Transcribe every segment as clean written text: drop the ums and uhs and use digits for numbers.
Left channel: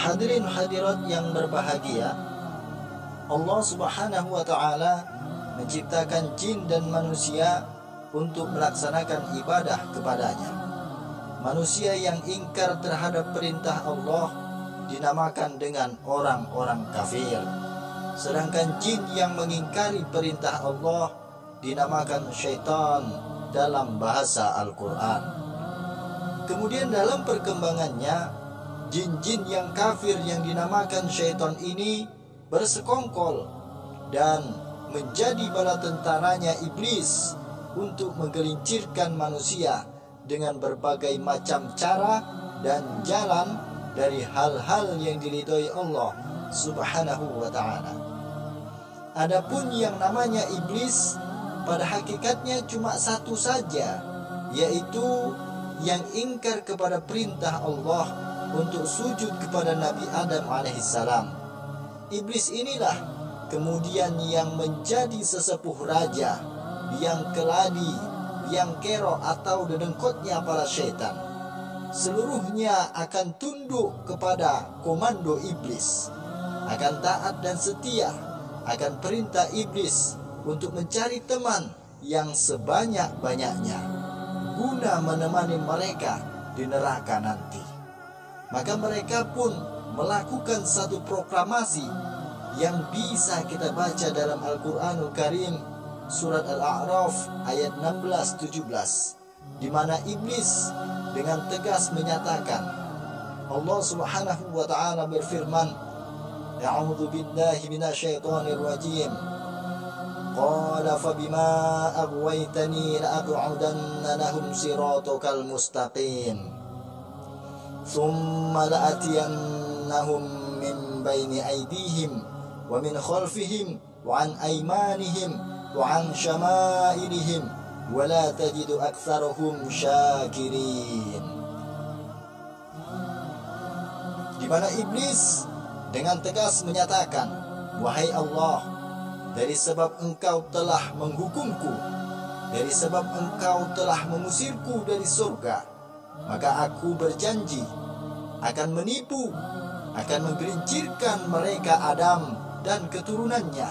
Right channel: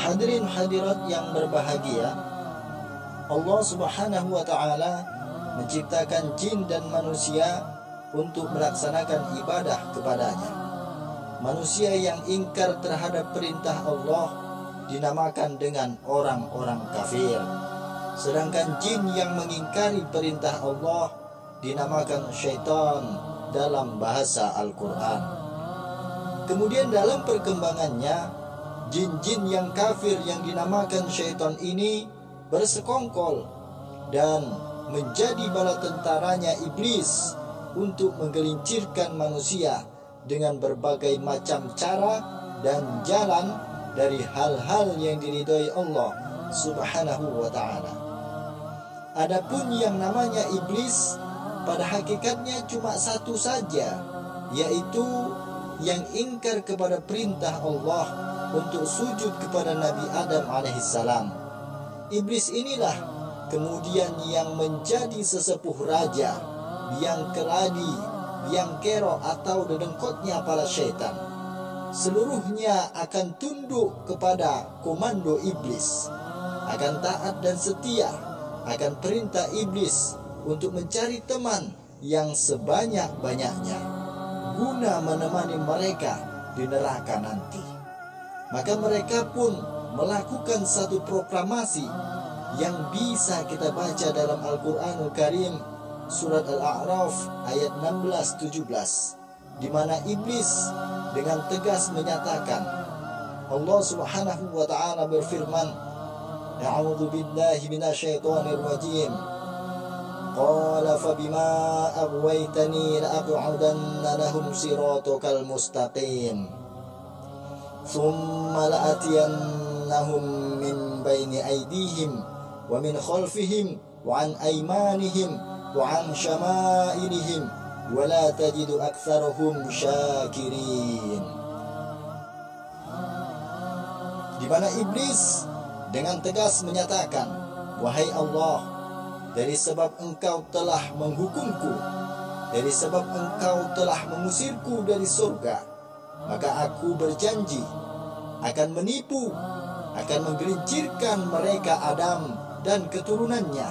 Hadirin hadirat yang berbahagia, Allah Subhanahu wa ta'ala menciptakan jin dan manusia untuk melaksanakan ibadah kepadanya. Manusia yang ingkar terhadap perintah Allah dinamakan dengan orang-orang kafir. Sedangkan jin yang mengingkari perintah Allah dinamakan syaitan dalam bahasa Al-Quran. Kemudian dalam perkembangannya, jin-jin yang kafir yang dinamakan syaitan ini bersekongkol dan menjadi bala tentaranya iblis untuk menggelincirkan manusia dengan berbagai macam cara dan jalan dari hal-hal yang diridhoi Allah Subhanahu wa ta'ala. Adapun yang namanya iblis pada hakikatnya cuma satu saja, yaitu yang ingkar kepada perintah Allah untuk sujud kepada Nabi Adam alaihissalam. Iblis inilah kemudian yang menjadi sesepuh raja, biang keladi, biang kerok atau dedengkotnya para syaitan. Seluruhnya akan tunduk kepada komando iblis, akan taat dan setia akan perintah iblis untuk mencari teman yang sebanyak-banyaknya guna menemani mereka di neraka nanti. Maka mereka pun melakukan satu proklamasi yang bisa kita baca dalam Al-Quranul Karim surat Al-A'raf ayat 16-17, di mana iblis dengan tegas menyatakan, Allah Subhanahu wa ta'ala berfirman, A'udzu billahi minasyaitonir rajim. Qala fabima aghwaytani la'aq'udanna lahum siratakal mustaqim. Thumma la'atiyannahum min baini aydihim wa min khalfihim wa an aymanihim wa an syama'ilihim wa la tajidu aktsarahum syakirin. Di mana iblis dengan tegas menyatakan, wahai Allah, dari sebab engkau telah menghukumku, dari sebab engkau telah mengusirku dari surga, maka aku berjanji akan menipu, akan menggelincirkan mereka Adam dan keturunannya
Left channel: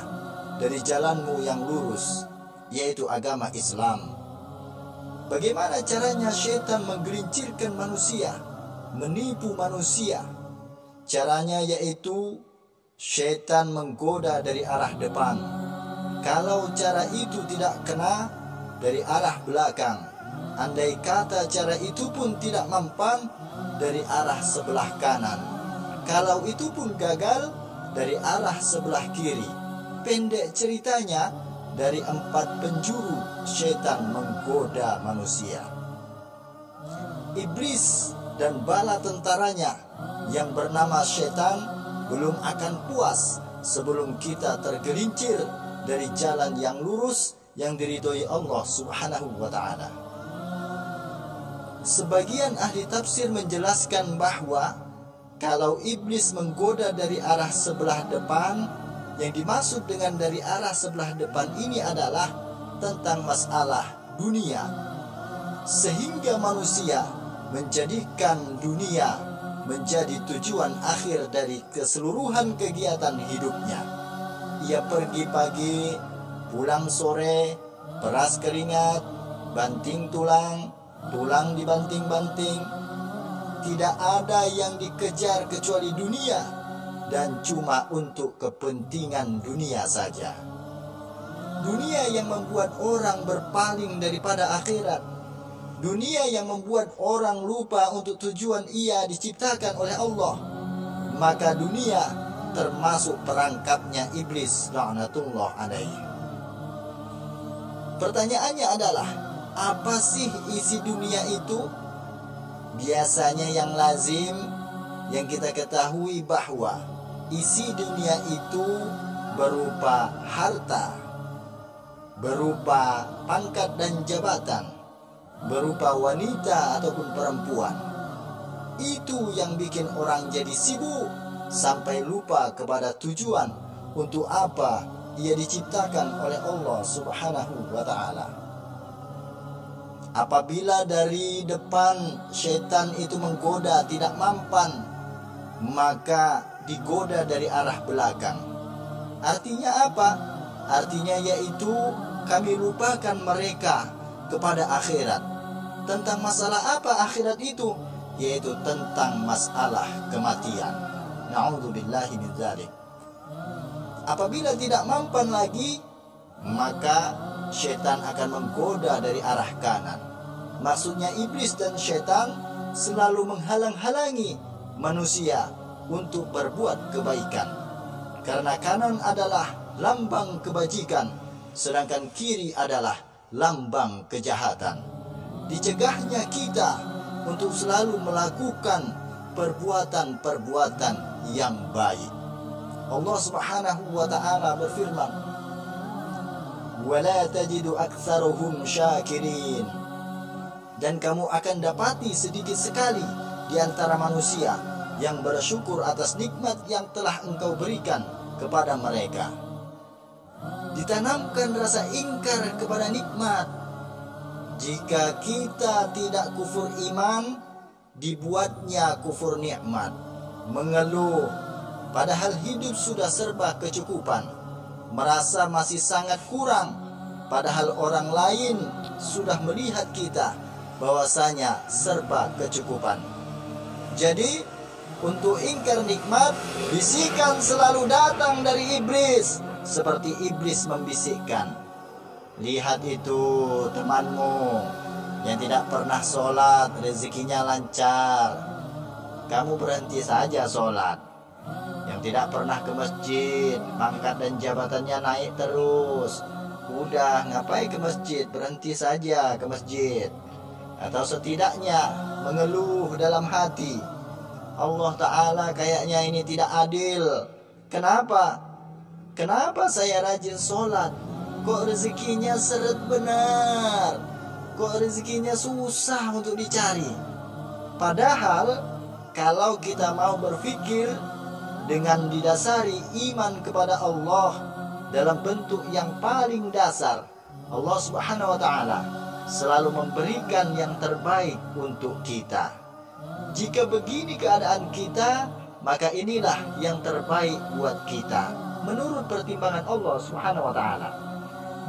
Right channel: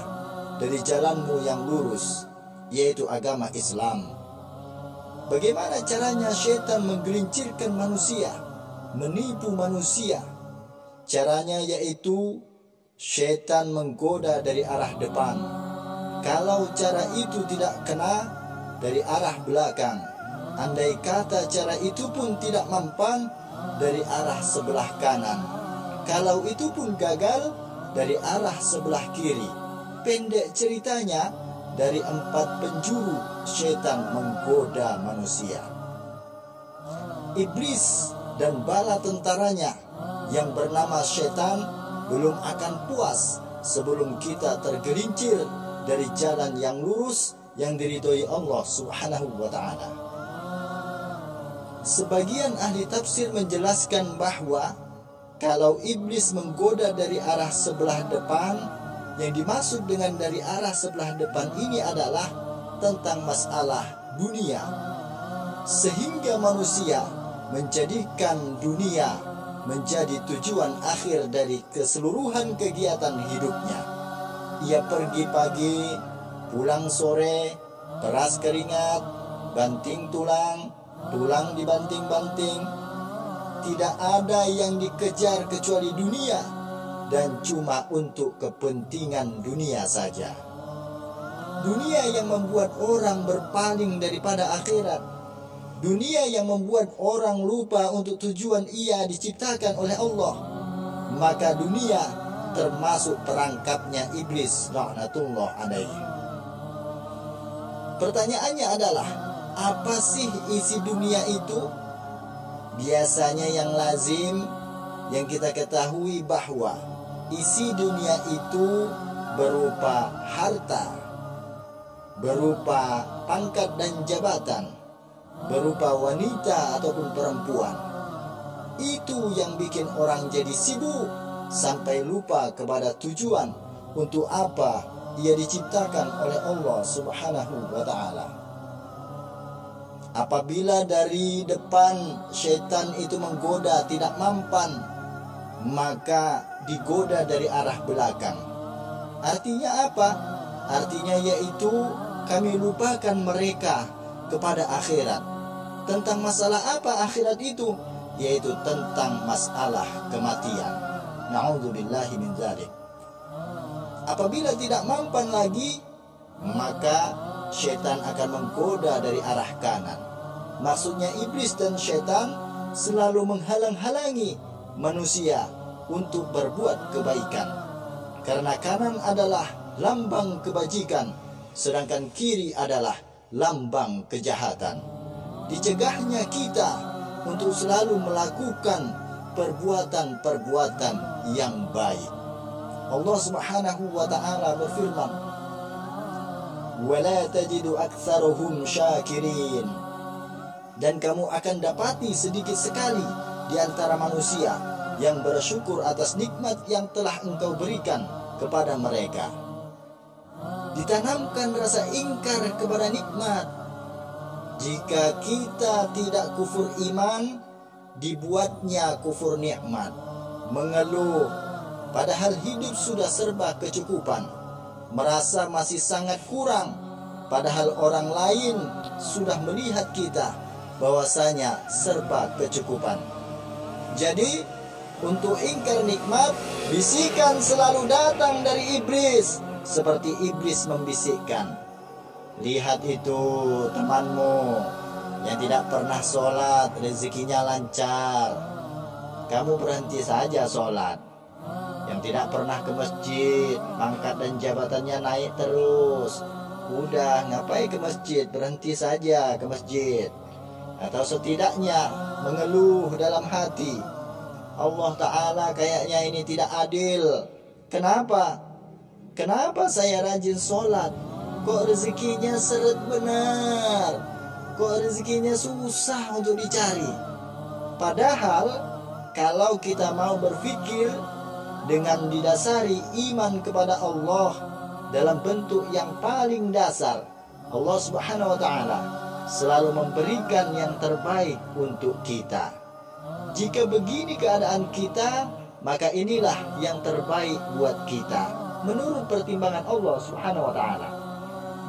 dari jalanmu yang lurus, yaitu agama Islam. Bagaimana caranya syaitan menggelincirkan manusia, menipu manusia? Caranya yaitu syaitan menggoda dari arah depan. Kalau cara itu tidak kena, dari arah belakang. Andai kata cara itu pun tidak mempan, dari arah sebelah kanan. Kalau itu pun gagal, dari arah sebelah kiri. Pendek ceritanya, dari 4 penjuru syaitan menggoda manusia. Iblis dan bala tentaranya yang bernama syaitan belum akan puas sebelum kita tergelincir dari jalan yang lurus yang diridhoi Allah Subhanahu wa ta'ala. Sebagian ahli tafsir menjelaskan bahwa kalau iblis menggoda dari arah sebelah depan, yang dimaksud dengan dari arah sebelah depan ini adalah tentang masalah dunia, sehingga manusia menjadikan dunia menjadi tujuan akhir dari keseluruhan kegiatan hidupnya. Ia pergi pagi, pulang sore, peras keringat, banting tulang, tulang dibanting-banting. Tidak ada yang dikejar kecuali dunia, dan cuma untuk kepentingan dunia saja. Dunia yang membuat orang berpaling daripada akhirat. Dunia yang membuat orang lupa untuk tujuan ia diciptakan oleh Allah. Maka dunia termasuk perangkapnya iblis laknatullah alaihi. Pertanyaannya adalah, apa sih isi dunia itu? Biasanya yang lazim, yang kita ketahui bahwa isi dunia itu berupa harta, berupa pangkat dan jabatan, berupa wanita ataupun perempuan. Itu yang bikin orang jadi sibuk sampai lupa kepada tujuan untuk apa ia diciptakan oleh Allah Subhanahu wa ta'ala. Apabila dari depan syaitan itu menggoda tidak mampan, maka digoda dari arah belakang. Artinya apa? Artinya yaitu kami lupakan mereka kepada akhirat. Tentang masalah apa akhirat itu? Yaitu tentang masalah kematian. Na'udzubillahi min dzalik. Apabila tidak mampan lagi, maka setan akan menggoda dari arah kanan. Maksudnya iblis dan setan selalu menghalang-halangi manusia untuk berbuat kebaikan. Karena kanan adalah lambang kebajikan, sedangkan kiri adalah lambang kejahatan. Dicegahnya kita untuk selalu melakukan perbuatan-perbuatan yang baik. Allah Subhanahu wa ta'ala berfirman, "Wala tajidu aktsaruhum syakirin." Dan kamu akan dapati sedikit sekali di antara manusia yang bersyukur atas nikmat yang telah engkau berikan kepada mereka. Ditanamkan rasa ingkar kepada nikmat. Jika kita tidak kufur iman, dibuatnya kufur nikmat. Mengeluh, padahal hidup sudah serba kecukupan. Merasa masih sangat kurang, padahal orang lain sudah melihat kita bahwasanya serba kecukupan. Jadi, untuk ingkar nikmat, bisikan selalu datang dari iblis. Seperti iblis membisikkan, "Lihat itu temanmu yang tidak pernah sholat, rezekinya lancar. Kamu berhenti saja sholat. Yang tidak pernah ke masjid, pangkat dan jabatannya naik terus. Udah, ngapain ke masjid? Berhenti saja ke masjid." Atau setidaknya mengeluh dalam hati, "Allah Ta'ala kayaknya ini tidak adil. Kenapa? Kenapa saya rajin sholat? Kok rezekinya seret benar? Kok rezekinya susah untuk dicari?" Padahal kalau kita mau berpikir dengan didasari iman kepada Allah dalam bentuk yang paling dasar, Allah Subhanahu wa Ta'ala selalu memberikan yang terbaik untuk kita. Jika begini keadaan kita, maka inilah yang terbaik buat kita menurut pertimbangan Allah Subhanahu wa Ta'ala.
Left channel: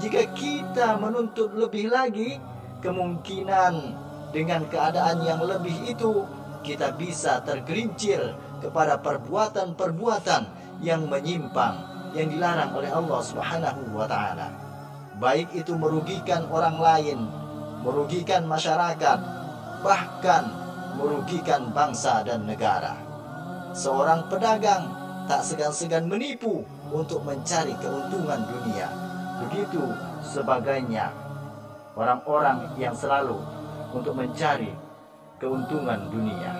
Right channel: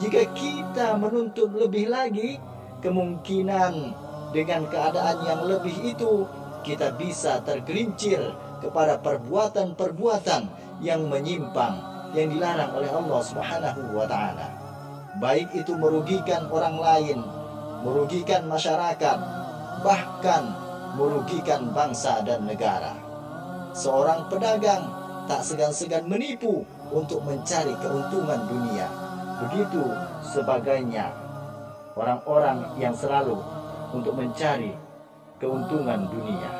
Jika kita menuntut lebih lagi, kemungkinan dengan keadaan yang lebih itu kita bisa tergelincir kepada perbuatan-perbuatan yang menyimpang, yang dilarang oleh Allah Subhanahu wa Ta'ala. Baik itu merugikan orang lain, merugikan masyarakat, bahkan merugikan bangsa dan negara. Seorang pedagang tak segan-segan menipu untuk mencari keuntungan dunia. Begitu sebagainya orang-orang yang selalu untuk mencari keuntungan dunia.